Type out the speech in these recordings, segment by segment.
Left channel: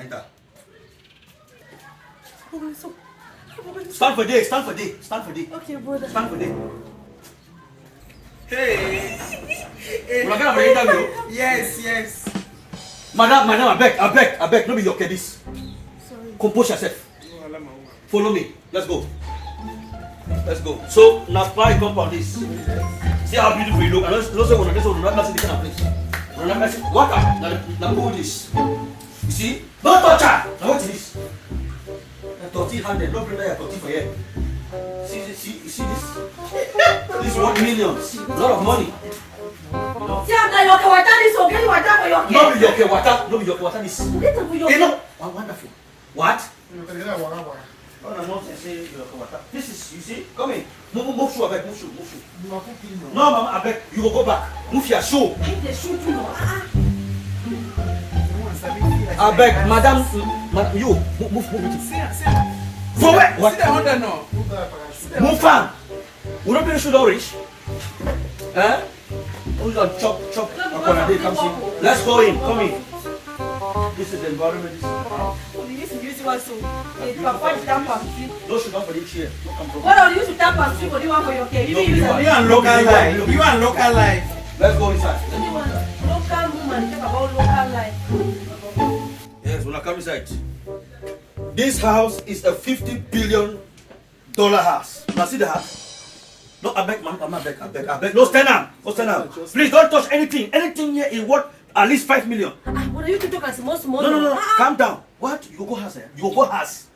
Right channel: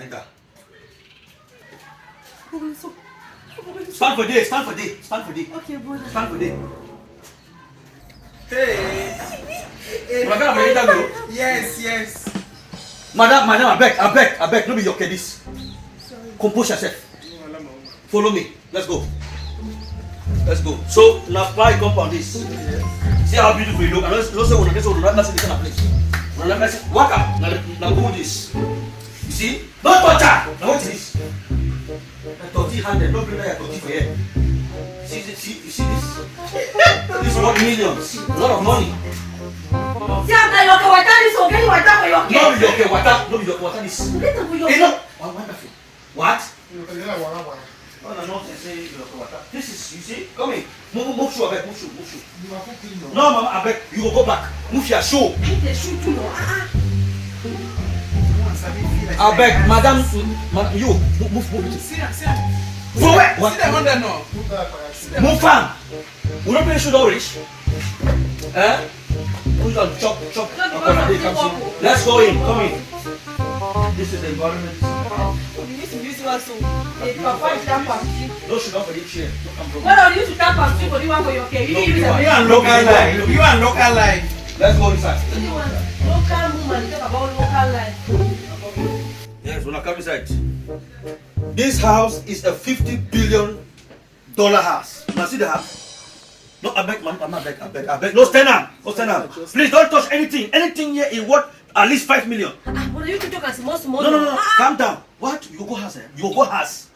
Enter. So, Stand for day, stand for day, stand for day. okay, brother. Stand for day. Hey. Una gonna be interview. Yes. Madam, I beg, no be your this. Sorry. Compose yourself. Follow me. Let's go. So now I compound this. See how beautiful you look. And also when this one not see the kind of place. Walk up. Now hold this. You see? Don't touch her. Now what is this? A 30 handed. Don't bring that 30 for here. See this? This is worth millions. A lot of money. See, I'm not your water. This okay. You water for your No be your water. No be your water. This. Hey, no. Wonderful. What? Oh, no nonsense. Say your water. This is, you see? Come in. Move shoe, abeg. Move shoe. No, mama, abeg. You go back. Move your shoe. Abeg, madam, you move it. See. For where? What? See the under now. Move fan. We don't play shoe orange. Eh? We can chop. Let's go in. Come in. This is the environment. You used to use one so. Papa is tap and flip. No shoe down for the chair. What are you used to tap and flip for the one for your cake? You use No, a You and local life. Let's go inside. local woman. Talk about local life. Yes, when I come inside. This house is a $50 billion house. Now see the house. No, I beg. No, stand up. Please don't touch anything. Anything here is worth at least $5 million. What are you to talk as small? No. Calm down. What? You go house, eh? You go house.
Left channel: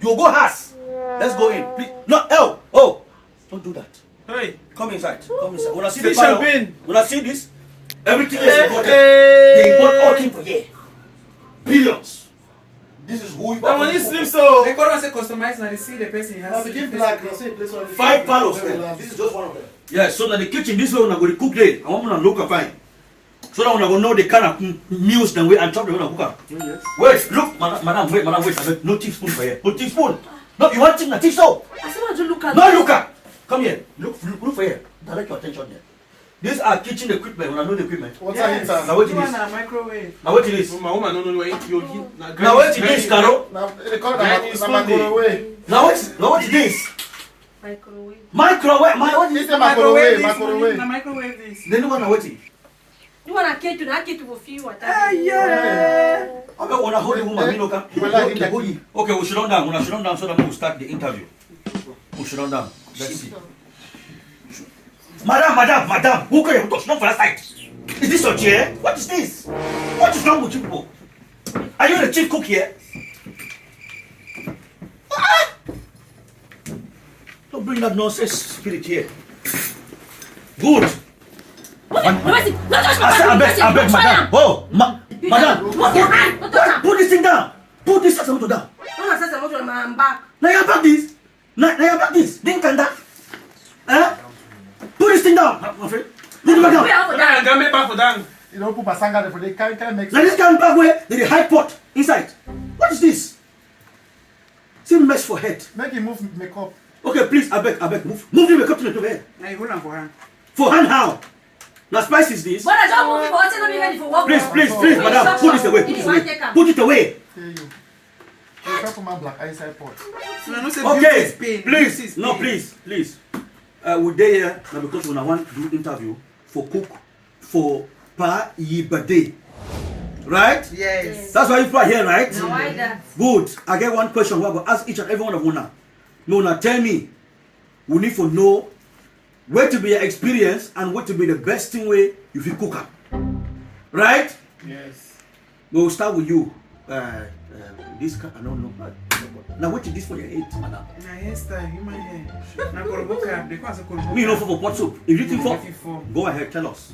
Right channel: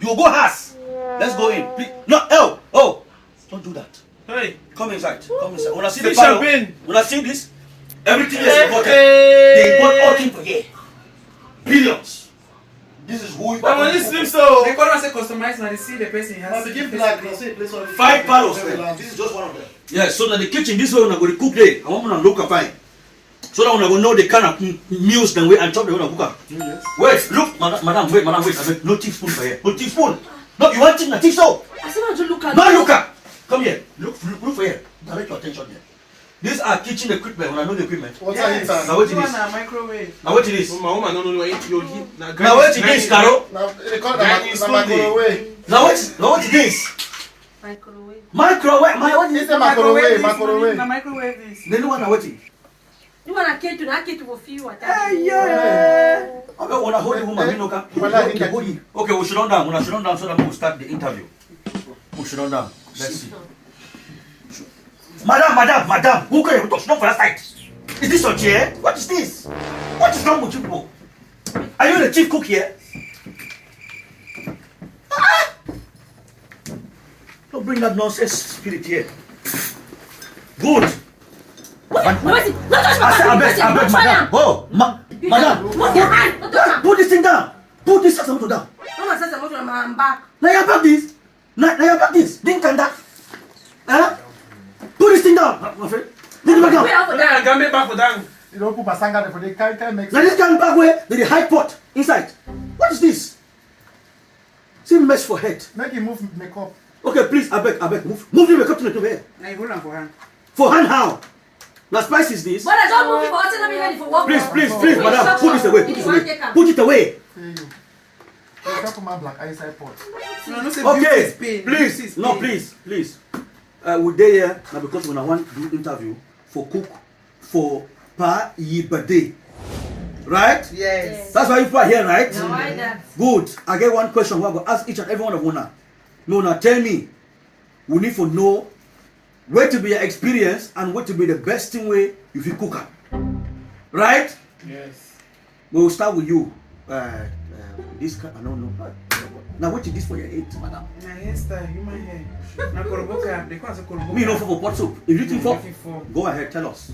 Let's go in. Please. No, oh. Don't do that. Hey. Come inside. When I see the See parlor, champagne. when I see this, everything is imported. They import all things from here. Billions. This is who you But when you sleep so, they can't say customize now. They see the person has. Five parlors there. This is just one of them. Yes, so that the kitchen, this way when I go to cook there, I want to look and fine. So that when I go know the kind of meals them way and chop them when I cook. Yes. Wait, look, madam, wait. No teaspoon for here. No teaspoon. No, you want chicken, teach so. I said, not to look at. No, look up. Come here. Look for here. Direct your attention there. These are kitchen equipment. When I know the equipment. What's Now that? what it is? Microwave. Now what it is? My woman, no. You heat. Now what it is, Caro? Now microwave. Now what it is? Microwave. Microwave. What is It's it? a microwave. The microwave is. The new one, what it? You want a cake to that cake to feel what? Yeah. I don't want to hold the woman. Okay, we should run down. So that we will start the interview. We should run down. Let's see. Madam, who can you touch? Not for that side. Is this your chair? What is this? What is wrong with you people? Are you the chief cook here? Don't bring that nonsense spirit here. Good. What? No, I touch my I beg, madam. Oh, madam. What's your hand? Don't touch her. Put this thing down. Put this motor down. No, I said I'm back. Now you back this. Didn't can that. Huh? Put this thing down, my friend. Leave it down. Back for down. You don't put pasanga for the can't make Now this guy back where there is high pot inside. What is this? See mess for head. make him move makeup. Okay, please, I beg, move the makeup to the head. Now you hold on for hand. For hand how? Now spice is this? But I don't move for what's not ready for work. Please, madam, put this away. Put it away. Hey you. You can't put my black inside pot. Okay, please. No, please. We dey here now because when I want to do interview for cook for pa yi birthday. Right? Yes. That's why you are here, right? Now why that? Good. I get one question. We're going to ask each and every one of Wunna. Wunna, tell me. We need to know where to be your experience and what to be the best thing way if you cook up. Right? Yes. We'll start with you. This I don't know. Now what is this for your head, madam? Na hairstyle, human hair. Na koroboka, they call it koroboka. Me no for what soup. If you think for. go ahead, tell us.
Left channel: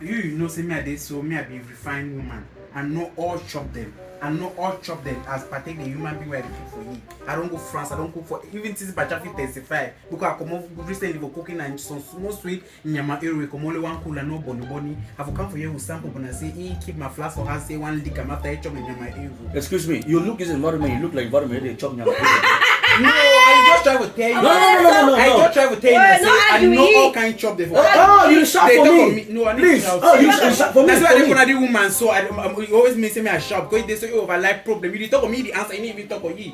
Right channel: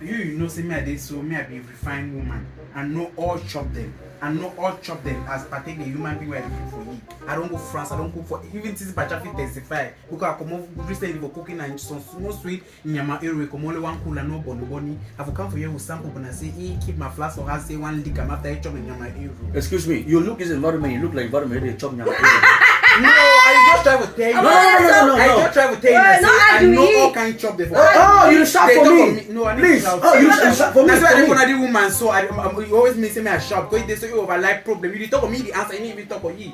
You know, say me I dey so me I be refined woman. I know all chop them. As partake the human being where they cook for you. I don't go France. I don't cook for even this Bachafi testify because I come over recently for cooking and some small sweet nyama area come only one cooler no boni. I've come for you with sample and I say keep my flask for her say one lick I'm after I chop nyama area. Excuse me, you look this environment. You look like environment they chop nyama. No, I just try to tell you. No. I just try to tell you. Wait, no I arguing. know all kind chop the. Oh, you shout They for talk me. of No, I need Please. to shout. Oh, you shout for me. That's why I For don't me. want to do woman. So you always say me I shout because they say over like problem. You talk for me the answer. I need even talk for you.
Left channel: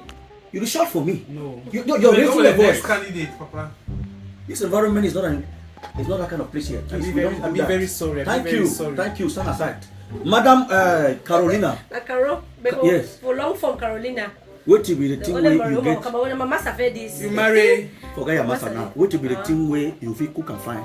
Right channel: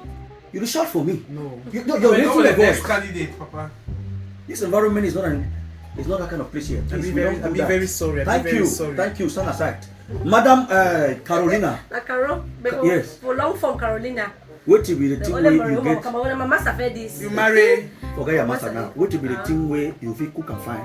You shout for me. No. You're raising your voice. candidate, Papa. This environment is not that kind of place here. I'll Please, be very sorry. Thank you. Thank you. Stand aside. Madam Carolina. Caro, Yes. for long form Carolina. What will be the The thing only where you Mario get? come on, my master fed this. You marry. Forget your master now. What will be the thing where you feel cook and fine?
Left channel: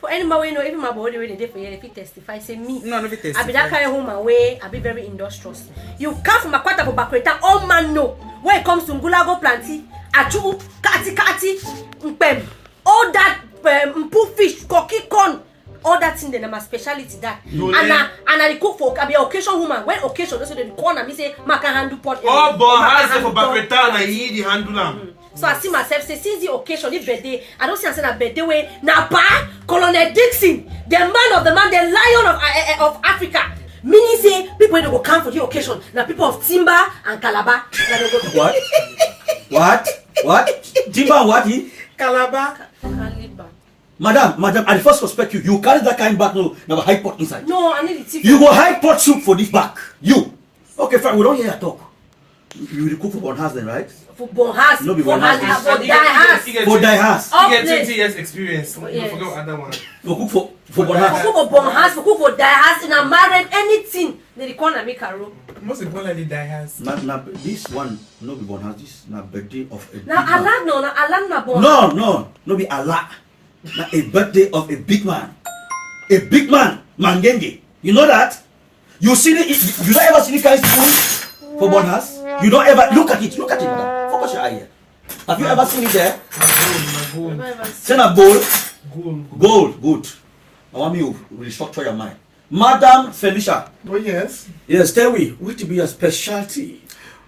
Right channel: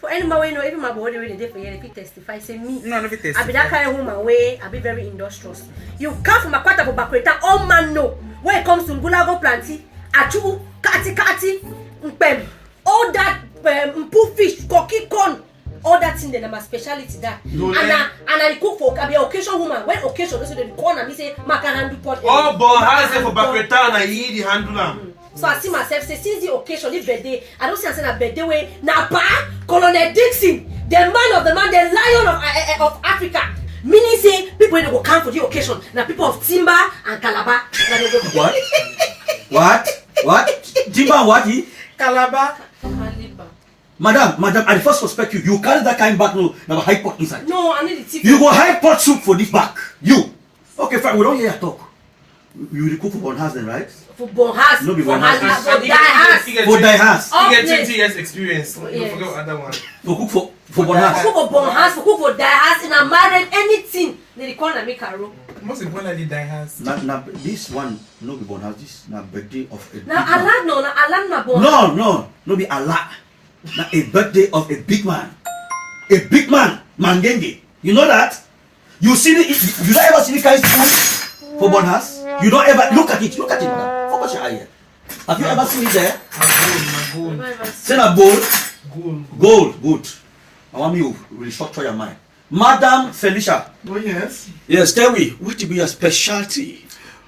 For any man, you know, even my body really dey for here, if he testify, say me. No, no, I be that kind of woman where I be very industrious. You come from a quarter for Bakweta, all man know. When it comes to Ngulago planty, achu, kati, mpem, all that poo fish, cocky corn, all that thing, then I'm a speciality that. And I cook for, I be an occasion woman. When occasion, so they corner me say, Maka handle pot. Oh, boy, how's it for Bakweta and I eat the handler? So I see myself say, since the occasion, this birthday, I don't see I say that birthday way. Napa, Colonel Dixon, the man, the lion of Africa. Meaning say people when they go come for the occasion, now people of Timber and Calabar. What? Timber and what? Calabar. Madam, I first suspect you. You carry that kind back now high pot inside. No, I need the ticket. You go high pot soup for this back. You. Okay, fine. We don't hear you talk. You will cook for one house then, right? For Bonhas. No, be Bonhas. For Dihas. For die house. You get 20 years experience. You Yes. forget other one. For cook for one house. For Bonhas, for cook for Dihas, and I'm married anything. They corner me Caro. Most importantly, die has. Now, this one no be one house. This na birthday of a big Now man. Allah na Bonhas. No be Allah. Now a birthday of a big man. A big man, Mangenge. You know that? You see you don't ever see this kind of spoon for one house? You don't ever look at it. Madam. Focus your eye here. Have you ever seen it there? Send a bowl. Gold. Good. I want you to restructure your mind. Madam Felicia. Oh, yes. Yes, tell me, what will be your specialty?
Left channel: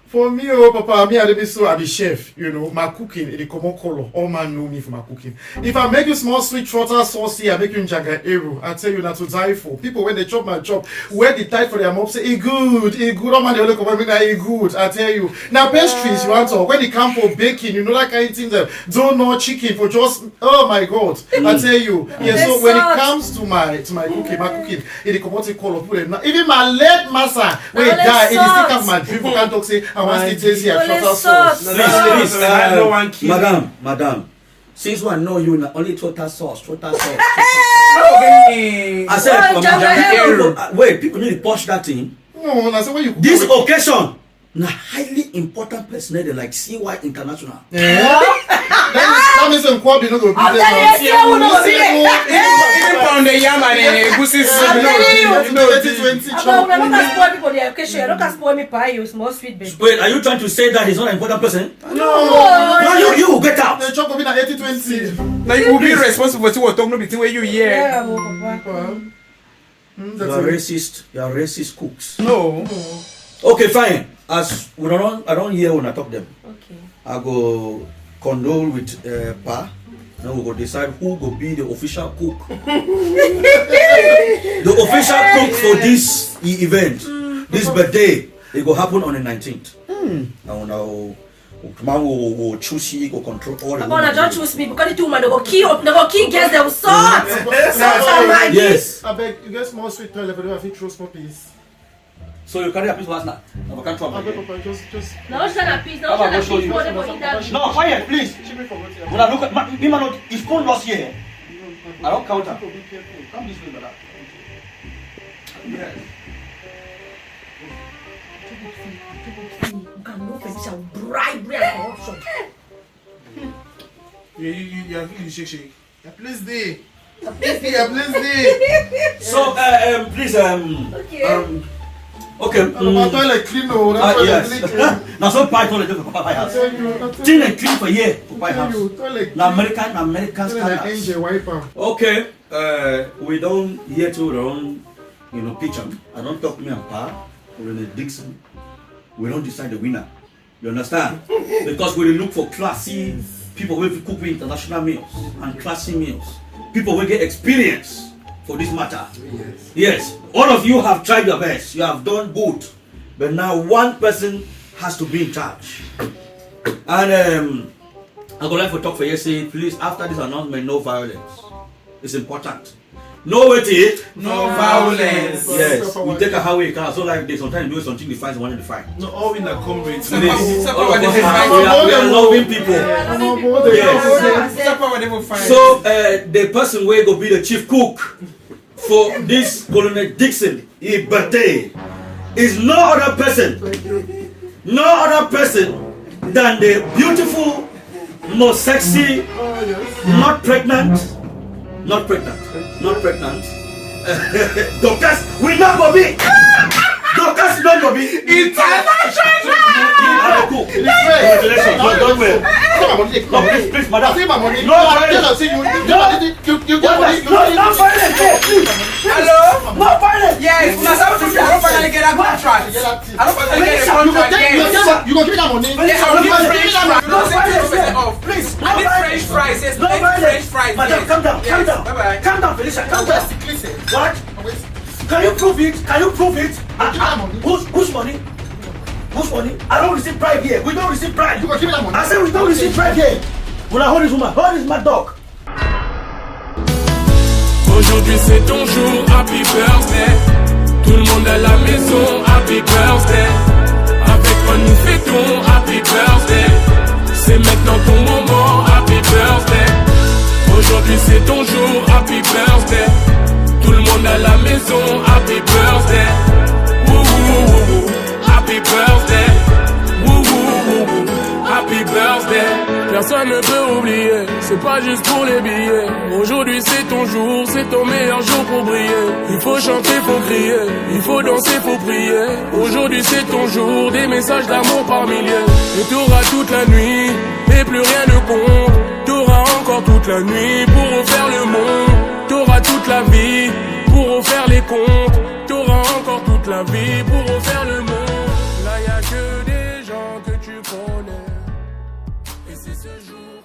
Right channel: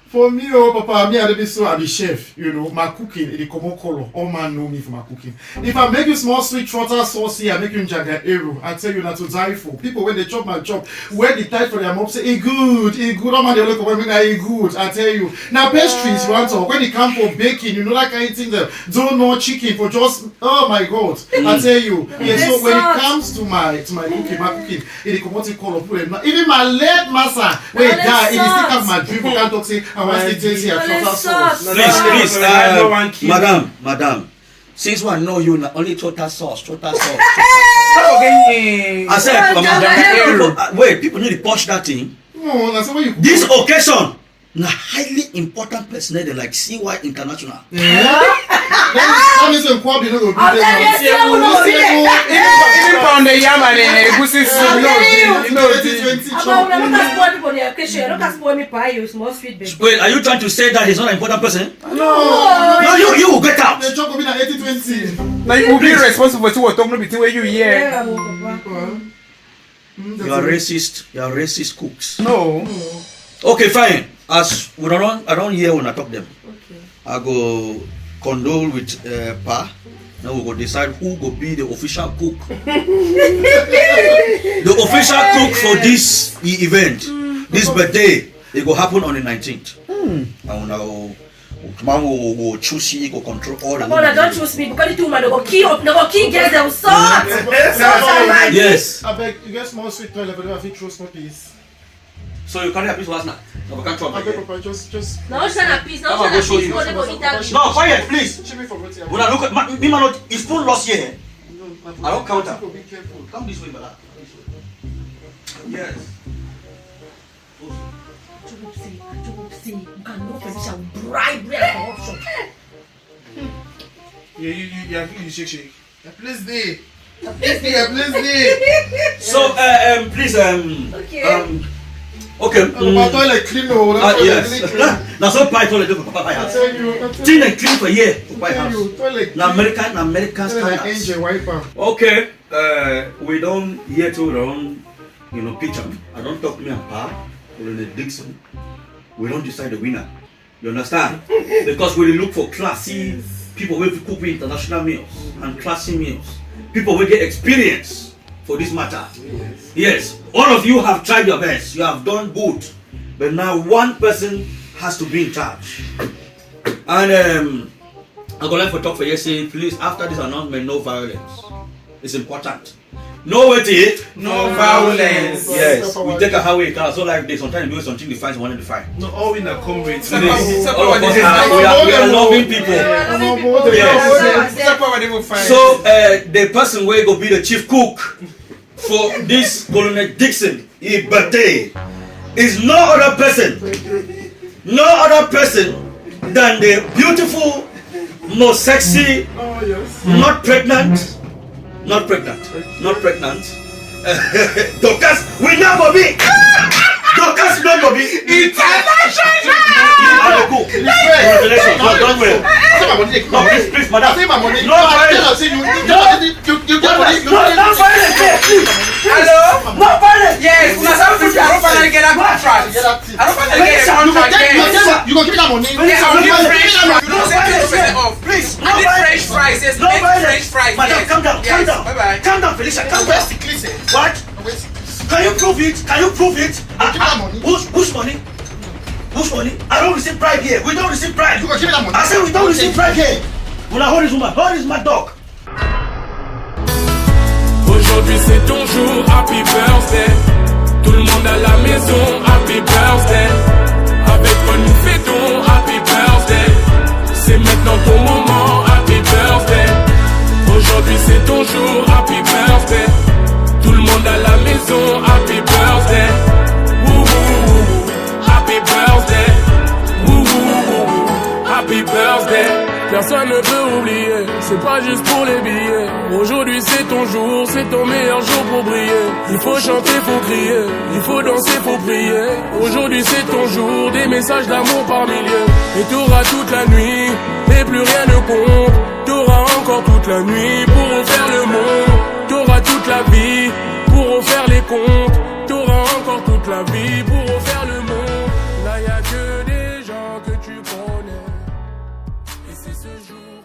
For me, oh, Papa, I be chef, you know, my cooking, it is common color. All man know me for my cooking. If I make you small sweet trotter saucy, I make you jaga eru. I tell you not to die for. People, when they chop my chop, wear the tight for their mouth, say, good. All man, they look over me, good. I tell you. Now, pastries, you want to, when it comes for baking, you know, that kind of thing, donut, chicken, for just, oh my God. I tell you. Yeah, so when it comes to my cooking, it is common color. Even my leg massa, when it die, it is still my dream. I can't talk, say, I want to taste here, trotter sauce. Please, madam. Since I know you, only trotter sauce. I said, wait, people need to push that thing. No, that's what you. This occasion, na highly important person like CY International. That means I'm quite no go be there. Even pound the yam and egusi soup. Wait, are you trying to say that he's not an important person? No, you will get out. the chop will be na 80-20. Like you will be responsible for what talking between where you hear. You are racist. You are racist cooks. No. Okay, fine. As we don't hear when I talk them. Okay. I go condole with Pa. Now we go decide who go be the official cook. The official cook for this event, this birthday, it will happen on the 19th. And now, man will choose you, go control all the. But don't choose me because the woman they go key girls, they will sort. Yes. I beg, you get small sweet toilet, but if you throw no please. So you carry a piece last night. Now we can't try I beg, again. Papa, just. Now shine a piece, How about I show you? go interview. No, quiet, please. She be forgot here. When I look at me, man, his phone lost here. I don't count her. Be careful. Come this way, brother. Yes. You can know Felicia will bribery and corruption. You shake. Please be. So, please, Okay. okay. My toilet clean, oh. Yes. Now, so pie toilet for Papa I house. tell you. Clean and clean for year for Pie house. Toilet. Now, American Like standards. angel wiper. Okay. We don't hear to don't, pitch them. I don't talk me and Pa. We're in the Dixon. We don't decide the winner. You understand? Because we look for classy people who cook international meals and classy meals. People will get experience for this matter. Yes. All of you have tried your best. You have done good. But now one person has to be in charge. And I'm going to talk for you, say, please, after this announcement, no violence. It's important. No waiting. No violence. Yes, we take a highway car. So like this, sometimes we do something defined, one defined. No, all in the comrades. All of us we are loving people. Yes. So the person will go be the chief cook for this Colonel Dixon, his birthday, is no other person than the beautiful, most sexy, not pregnant. Doctors will not go be. Doctors will not go be. International. Don't wait. No, please, madam. No violence. Hello? No violence. Yes, I don't finally get that contract. I don't finally get a contract. You go give me that money. Yes, I need French fries. No violence. Please, I need French fries. Yes, no French fries. Madam, Yes. calm down. Yes. Calm down. Bye-bye. Calm down, Felicia. Calm down. What? Can you prove it? Whose money? Whose money? I don't receive bribe here. We don't receive bribe. You go give me that money. I said we don't receive bribe here. Will I hold this woman? Hold this mad dog. Aujourd'hui c'est ton jour, happy birthday. Tout le monde à la maison, happy birthday. Avec moi nous fêtons, happy birthday. C'est maintenant ton moment, happy birthday. Aujourd'hui c'est ton jour, happy birthday. Tout le monde à la maison, happy birthday. Woo woo woo woo, happy birthday. Woo woo woo woo, happy birthday. Personne ne peut oublier, c'est pas juste pour les billets. Aujourd'hui c'est ton jour, c'est ton meilleur jour pour briller. Il faut chanter, faut crier, il faut danser, faut prier. Aujourd'hui c'est ton jour, des messages d'amour par milliers. Et t'auras toute la nuit, et plus rien ne compte. T'auras encore toute la nuit pour refaire le monde. T'auras toute la vie pour refaire les comptes. T'auras encore toute la vie pour refaire le monde. Là y a que des gens que tu connais. Et c'est ce jour